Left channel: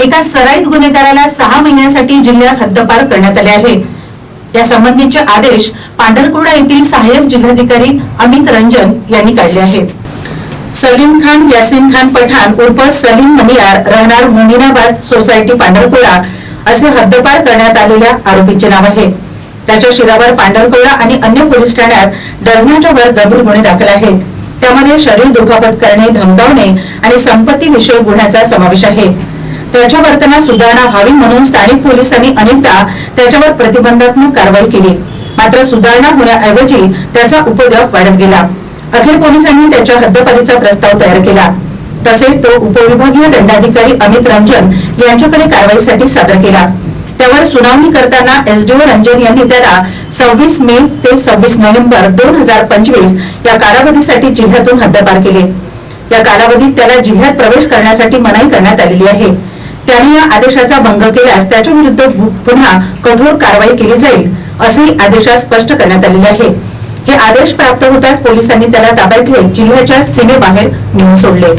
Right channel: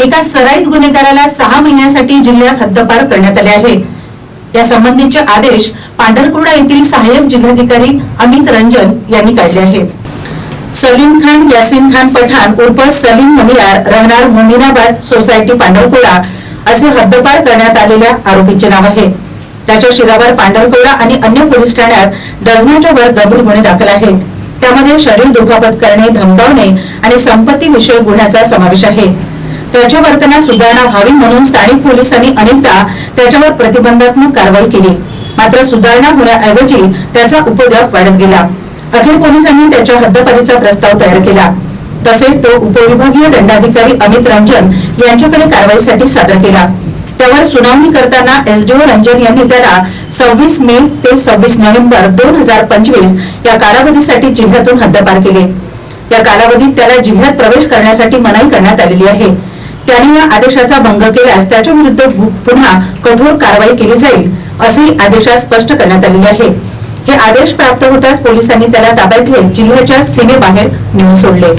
एका सराईत गुन्हेगाराला 6 महिन्यासाठी जिल्ह्यात हद्दपार करण्यात आले आहे। या संबंधीचे आदेश पांढरकवडा येथील सहाय्यक जिल्हाधिकारी अमित रंजन यांनी काढले आहेत। सलीम खान यासीन खान पठाण उर्फ सलीम मनियार राहणार मोमिनाबाद सोसायटी पांढरकवडा असे हद्दपार करण्यात आलेल्या आरोपीचे नाव आहे। त्याच्या शिरावर पांढरकवडा आणि अन्य पोलीस ठाण्यात डझनाच्या वर गंभीर गुन्हे दाखल आहेत। त्यामध्ये शरीर दुखापत करणे, धमकावणे आणि संपत्ती विषयक गुन्ह्याचा समावेश आहे। त्याच्या वर्तनात सुधारणा व्हावी म्हणून स्थानिक पोलिसांनी अनेकदा त्याच्यावर प्रतिबंधात्मक कारवाई केली, मात्र सुधारणा होण्याऐवजी त्याचा उपद्रव वाढत गेला। अखेर पोलिसांनी त्याच्या हद्दपारीचा प्रस्ताव तयार केला। तसेच तो उपविभागीय दंडाधिकारी अमित रंजन यांच्याकडे कारवाईसाठी सादर केला। त्यावर सुनावणी करताना एसडीओ रंजन यांनी त्याला 26 मे ते 26 नोव्हेंबर 2025 या कालावधीसाठी जिल्ह्यातून हद्दपार केले। या कालावधीत त्याला जिल्ह्यात प्रवेश करण्यासाठी मनाई करण्यात आलेली आहे। त्याने या आदेशाचा भंग केल्यास त्याच्या विरुद्ध पुन्हा कठोर कारवाई केली जाईल असेही आदेशात स्पष्ट करण्यात आलेले आहे। हे आदेश प्राप्त होताच पोलिसांनी त्याला ताब्यात घेत जिल्ह्याच्या सीमेबाहेर नेऊन सोडले।